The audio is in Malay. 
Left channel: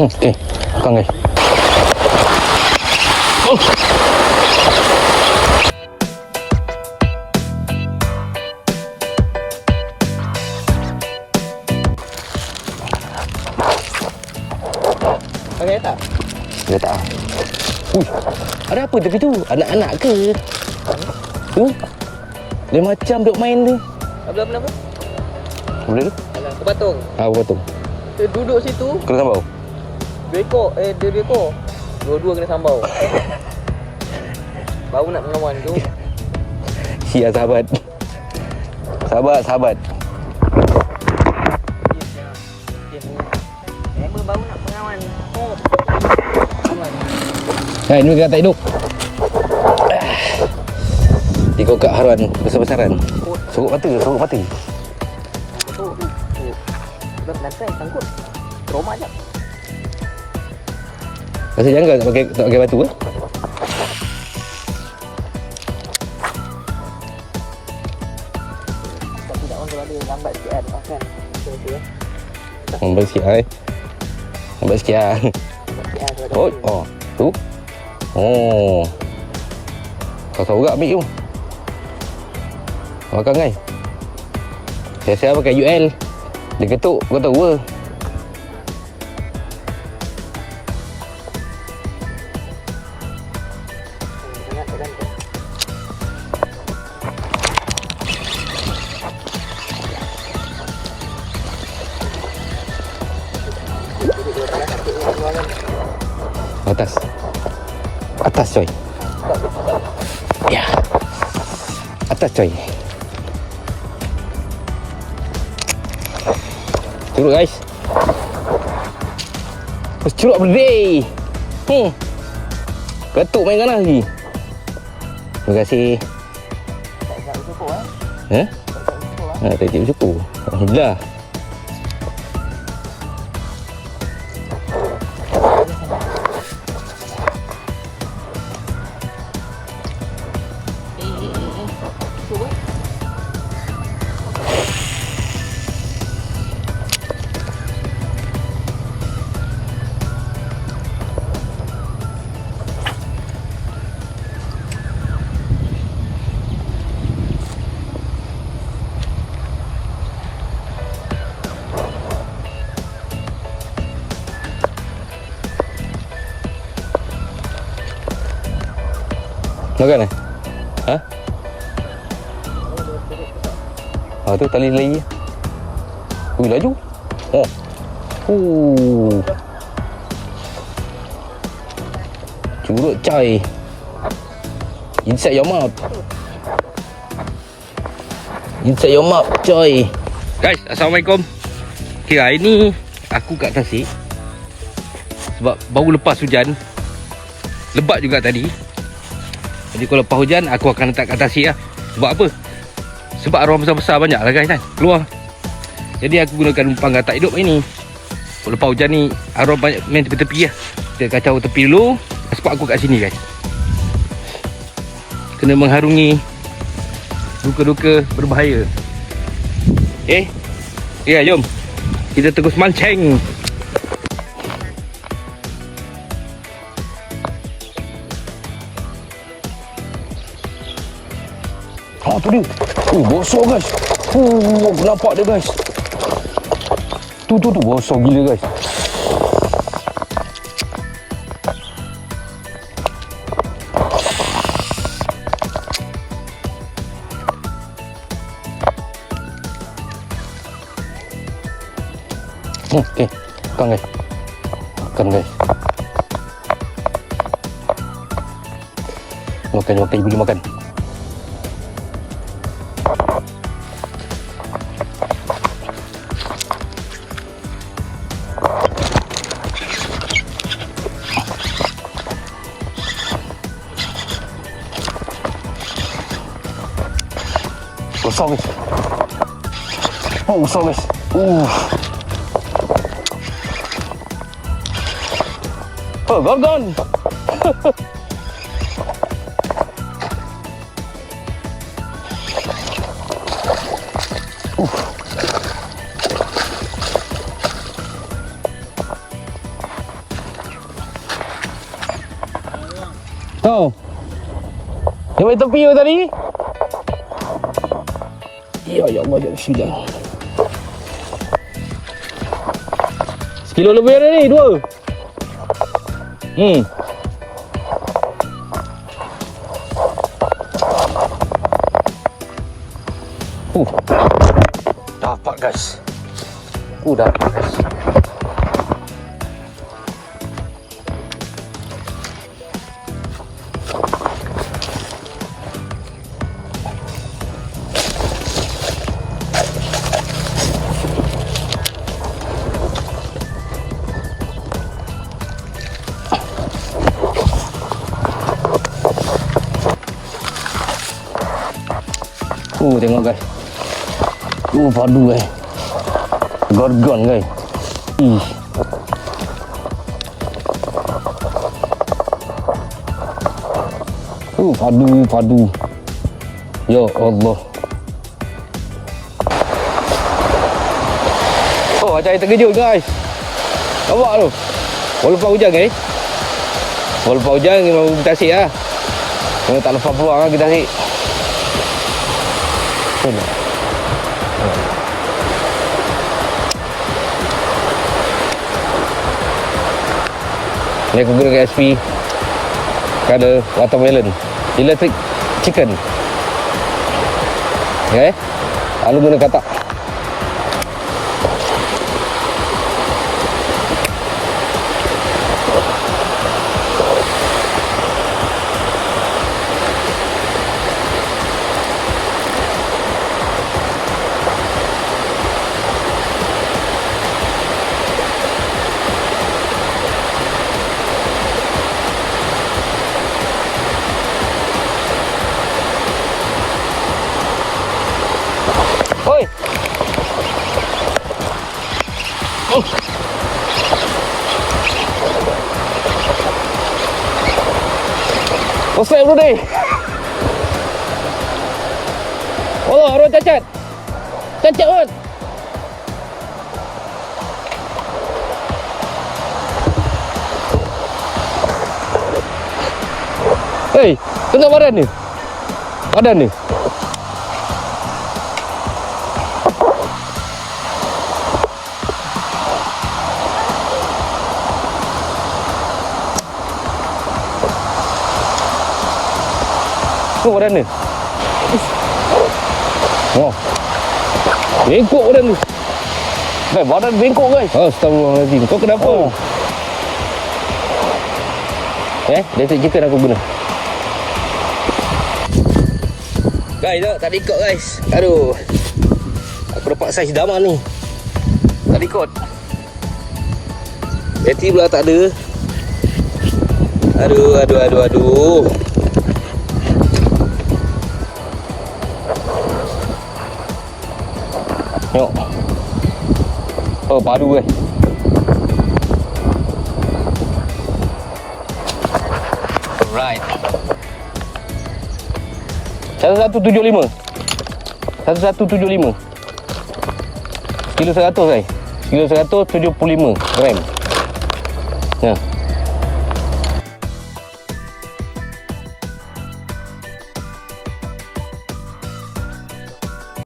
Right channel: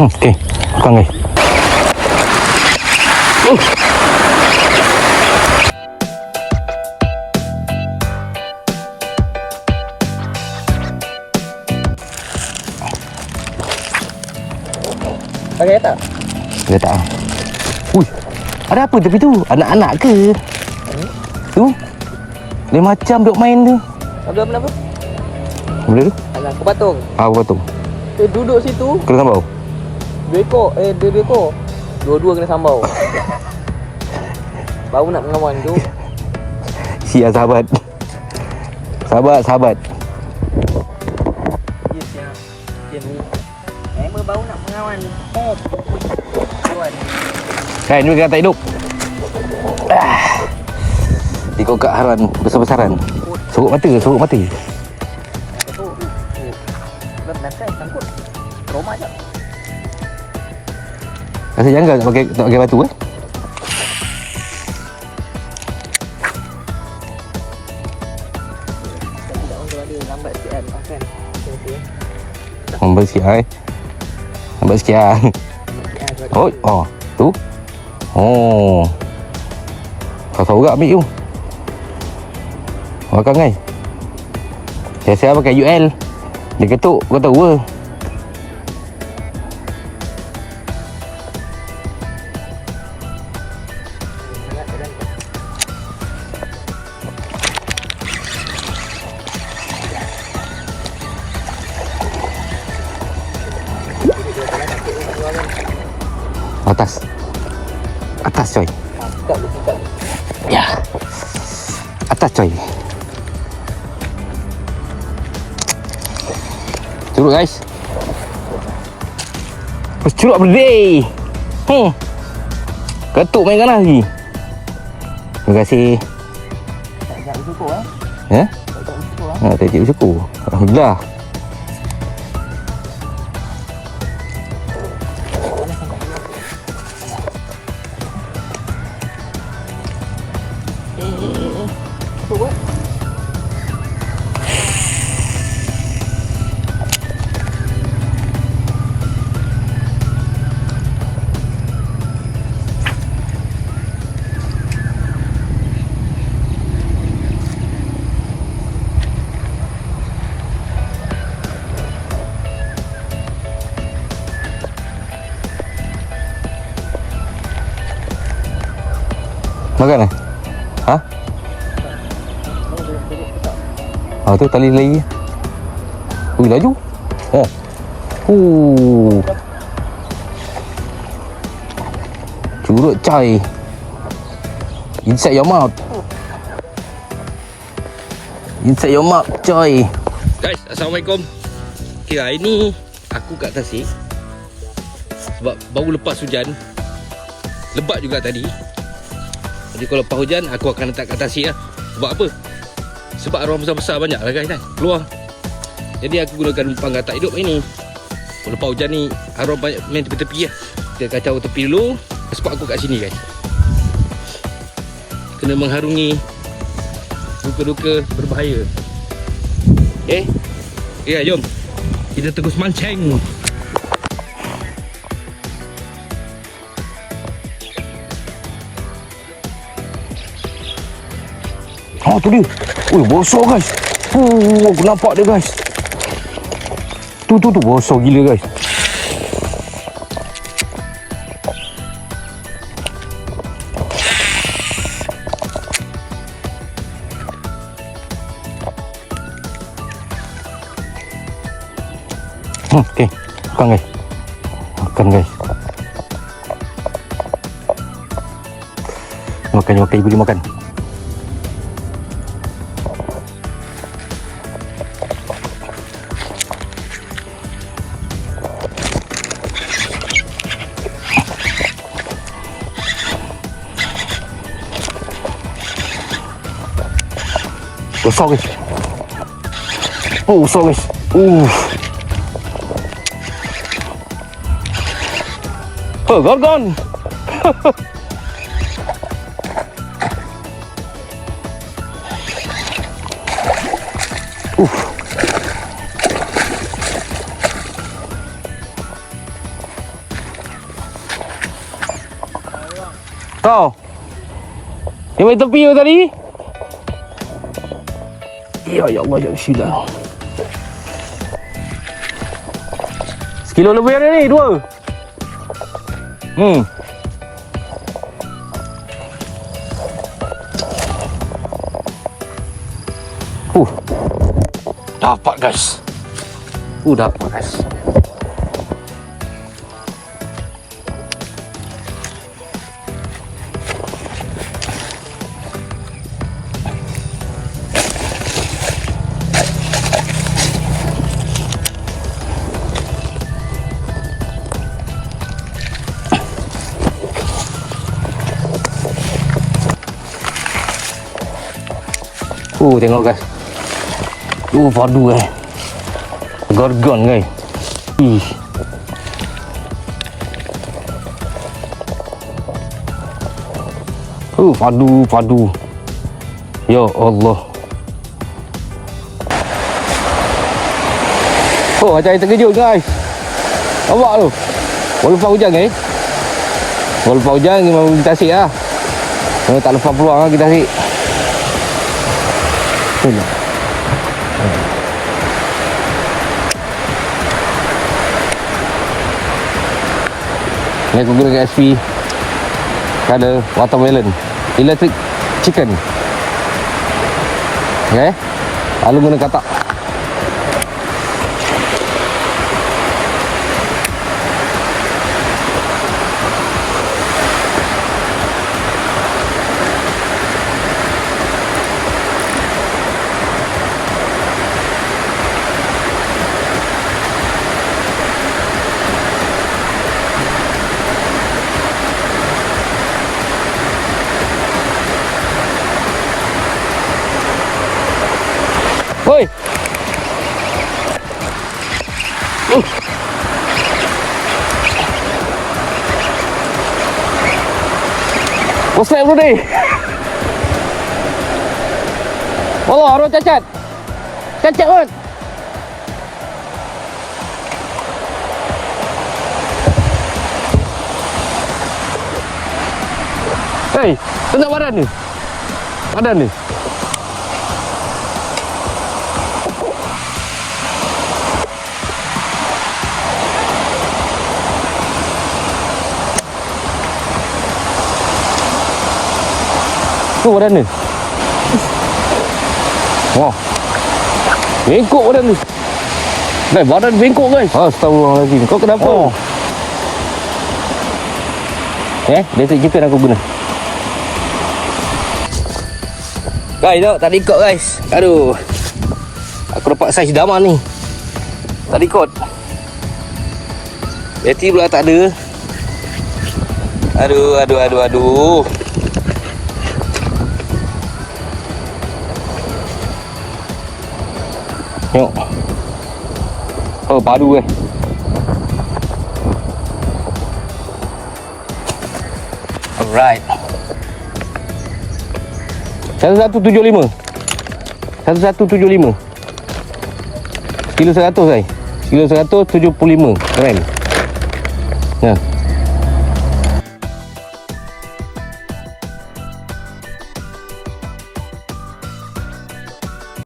Hmm, okey. Bukan guys. Pakai tak? Dia tak. Ui. Ada apa tepi tu? Anak-anak ke? Tu. Dia macam duk main tu. Ada apa apa? Boleh ni? Alah, aku. Ah, potong. Dia duduk situ, Kena sambau. Ekor. Eh, dia ekor. Dua-dua kena sambau. Baru nak mengawan tu. Sia sahabat. Sahabat, sahabat. Dia siap. Dia ni. Baru nak mengawan. Oh. Nah, ini kata hidup. Ah. Ikut kat haran besar-besaran. Sorok mata, sorok mata. Rasa janggal tak pakai tak pakai batu eh? Lambat sikit eh. Lambat sikit ah. Oh, oh, tu. Oh. Kau tahu tak ambil tu? Makan kan? Saya-saya pakai UL. Dia ketuk, kau tahu ke? Atas coy. Ya. Atas coy. Curut guys. Mas curut berdeh. Hmm. Ketuk main kanan lagi. Terima kasih. Ya? Ha, kaki bersyukur. Alhamdulillah. Makan eh? Ha? Ha tu tali lagi. Ui laju. Oh. Uh. Curut coy. Inside your mouth. Inside your mouth coy. Guys, Assalamualaikum. Okay, hari ni aku kat Tasik. Sebab baru lepas hujan. Lebat juga tadi. Jadi kalau lepas hujan aku akan letak kat tasik lah. Sebab apa? Sebab arwah besar-besar banyak lah guys kan. Keluar. Jadi aku gunakan umpan gatak hidup ini. Lepas hujan ni arwah banyak main tepi-tepi lah. Kita kacau tepi dulu. Sebab aku kat sini guys. Kena mengharungi duka-duka berbahaya. Eh? Ya, jom. Kita terus mancing. Tu dia. Oh bosor guys. Oh aku nampak dia guys. Tu tu tu bosor gila guys. Hmm, okay. Makan guys. Makan guys. Makan, makan, dia makan. Oh, sorry. Oh, sorry. Ooh. Oh, gone, gone. Oof. Oh. You made the video, Daddy? Ya ya Allah ya sudah. Sekilo lebih ada ni, dua. Hmm. Uh. Dapat guys. Uh dapat guys. Uh tengok guys. Uh padu eh. Gargon guys. Ih. Uh padu padu. Ya Allah. Oh macam air terkejut guys. Nampak tu. Walaupun hujan guys. Walaupun hujan memang kita asyik lah. Memang tak lepas peluang lah kita asyik. Tengok. Ni aku guna SP pada watermelon. Electric chicken. Eh? Lalu guna katak. What's up, Rudy? Oh, arwah cacat. Cacat kan? Hei, tengok badan ni. Badan ni. Tu badan ni. Wah. Bengkok badan tu. Guys, badan bengkok guys. Astagfirullahaladzim. Kau kenapa? Oh. Eh, basic chicken aku guna. Guys, tengok tak ikut guys. Aduh. Aku dapat saiz daman ni. Tak ikut. Bateri pula tak ada. Aduh, aduh, aduh, aduh. Tengok. Oh, padu eh. Alright. Satu satu tujuh lima. Satu satu tujuh lima. Kilo seratus guys. Kilo seratus tujuh puluh lima. Nah.